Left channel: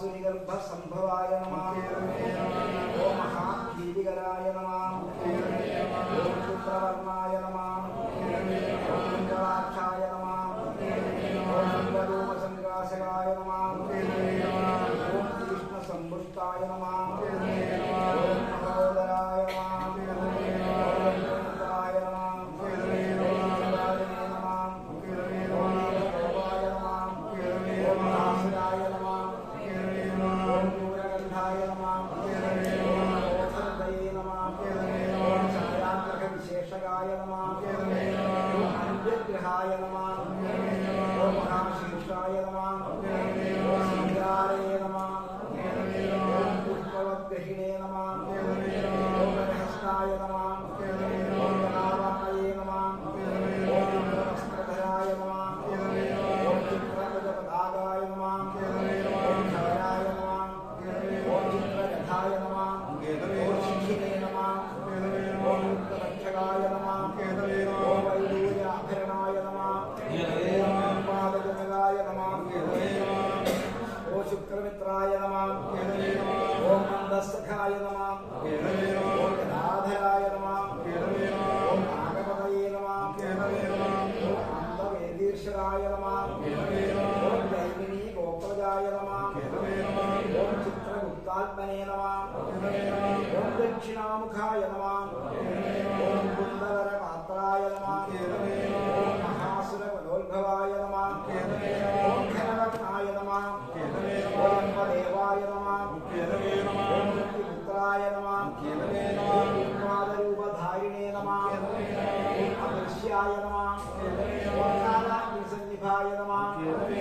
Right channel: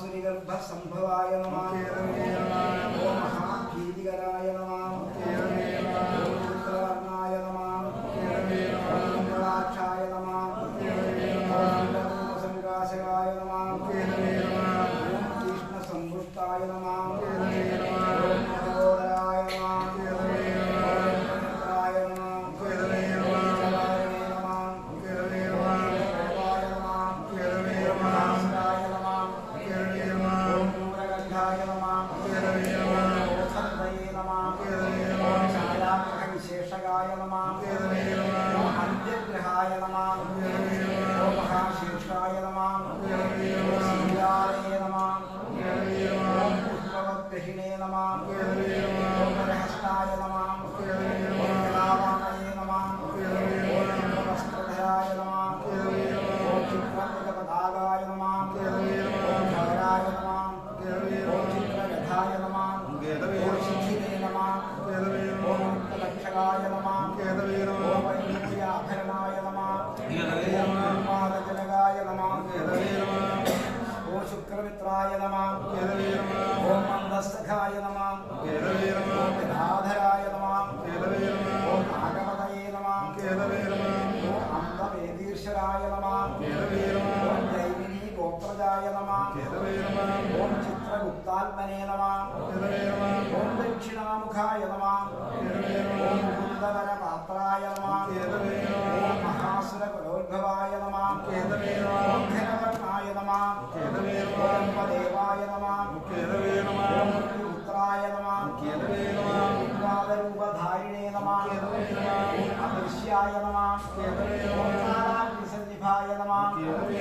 सूर्यगर्भसंभवाय नमः ओम महाकीर्तिकराय नमः మహాశీర్షాయ నమః ఓం చక్రమిత్రాయ నమ. నమః ఓం మందస్సఖాయ నమః. ఓం జనాధరాయ నమః. ఓం నాగపతయే నమః. ఓం అందవేదీర్షరాయ నమః. ఓం దైవినీ గోత్రజాయ నమః. ఓం చిత్రగుప్తాత్మనే నమః. ఓం దక్షిణాముఖాయ నమః. ఓం కుందవర పాత్రాయ నమః. ఓం మహాసుర కులోద్భవాయ నమః ఓం ఘనవర్ణాయ నమః ఓం దేవాయ నమః ఓం పుత్రాయ నమః ఓం పాదరూపధారిణే నమః ఓం అదృశ్యాయ నమః ఓం కాలాగ్నిసన్నిభాయ నమః ఓం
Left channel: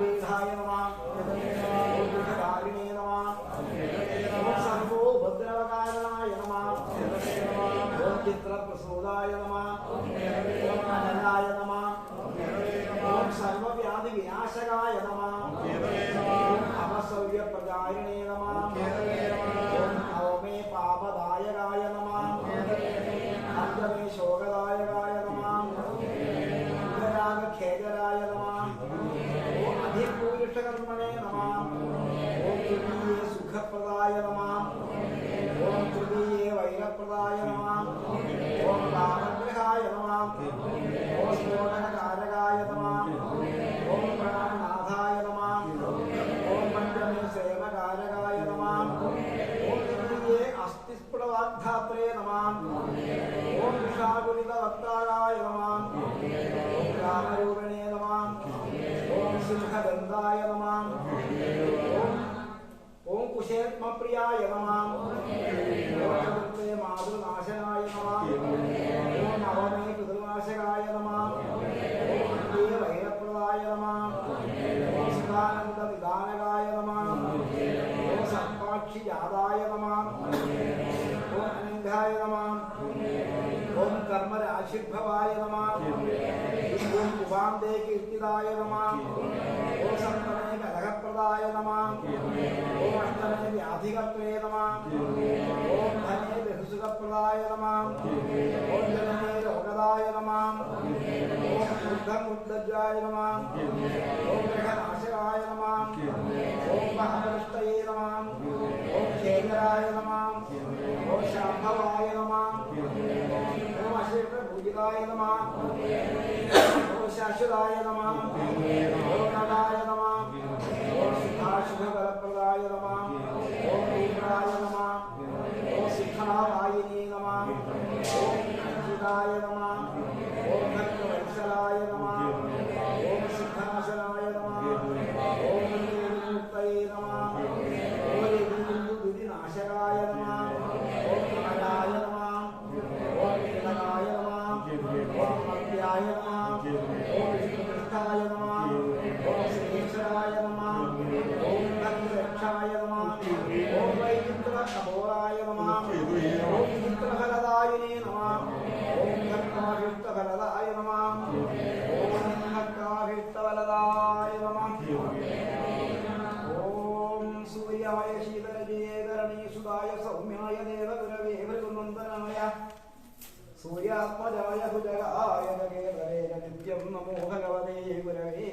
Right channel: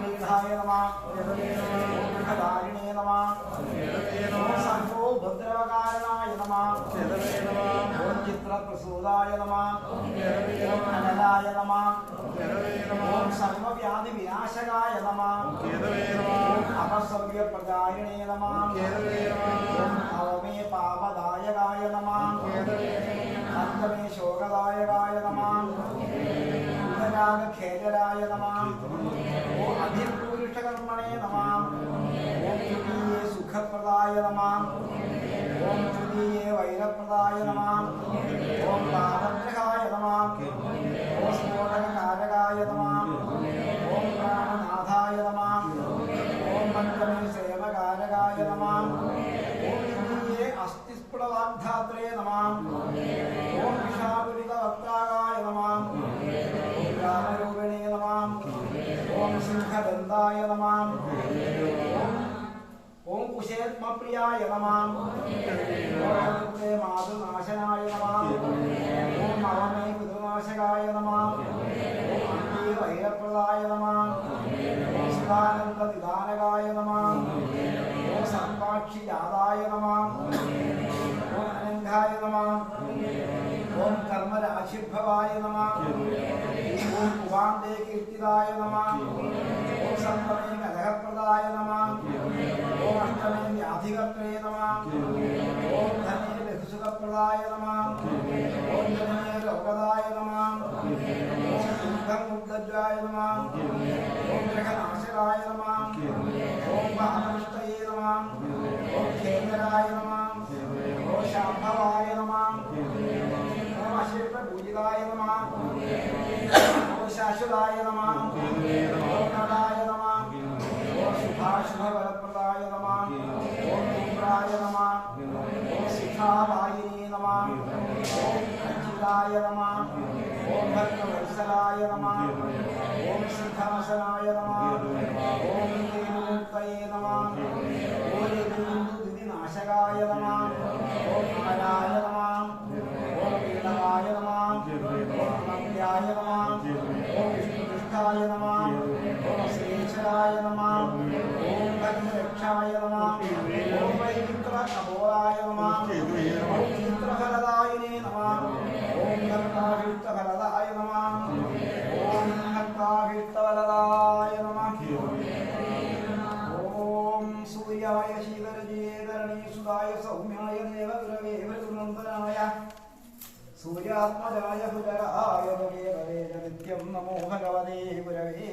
వేదాయ నమః ఓం విఘధారిణే నమః ఓం సర్వో భద్రవకారణాయ నమః ఓం చిత్రప్రసూదాయ నమః ఓం సర్వవ్యాధి వినాశకాయ నమః ఓం అపసవ్యప్రదాయినే నమః ఓం అవమే పాపదాయకాయ నమః అర్థమే శోకదాయకాయ నమః ఖేదరాయ నమః ఓం అధిపూరిష్టకర్మణే తృతీయే సుఖప్రదాయ నమః తృతీయే వైరప్రదాయ నమః అస్థిస్ఫుటవాగ్ధాత్రే నమః. ఓం విషాపులితవక్తారాయ నమః. ఓం రామరూపిణే నమః. ఓం సింహదంతాయ నమః. ఓం ఓం కుశేత్మప్రియాయ నమః. ఓం రుద్రే మాధునాశనాయ నమః. ఓం అవమే కుదునాశకాయ ఓం అనంగాయ నమః ఓం కర్మరాశిర్భవాయ నమః ఓం కువాందే కీర్తిదాయ నమః ఓం సంతమే కలహప్రదాయ నమః ఓం అష్టమే వ్యాధికర్త్రే నమః ఓం ధనే బహుసుఖప్రదాయ నమః ఓం ధనే రోగదాయ నమః ఓం ఊర్ధం ఉద్దజ్వాయ నమః ఓం గ్రహనాశకాయ నమః ఓం మహావిష్టయే నమః శాంభవాయ నమః ఓం అశేష పూజితాయ నమః ఓం శాశ్వతాయ నమః ఓం నడాయ నమః ఓం శుభాశుభవరప్రదాయ నమః ఓం తీవ్రాయ నమః ఓం శిఖావాయిని నమః ఓం అంకితాయ నమః ఓం భక్తవత్సలాయ నమః ఓం సిద్ధాసనాయ నమః ఓం మంద్యాయ నమః. ఓం శ్రీకృష్ణాయ నమః. ఓం శ్రీశ్వరాయ నమః. ఓం భద్రక్షాయ నమః. ఓం వైకుంఠ కబోరాయ నమః. ఓం ఓం ఓం ఓం సుదాయ సౌమ్యాయ దేవగురవే మృదునందనాయ సూర్యాత్మజాయ സൂര്യാത്മജായ ഹുജയായ നിത്യം നമോഹനവദേ പുരവേ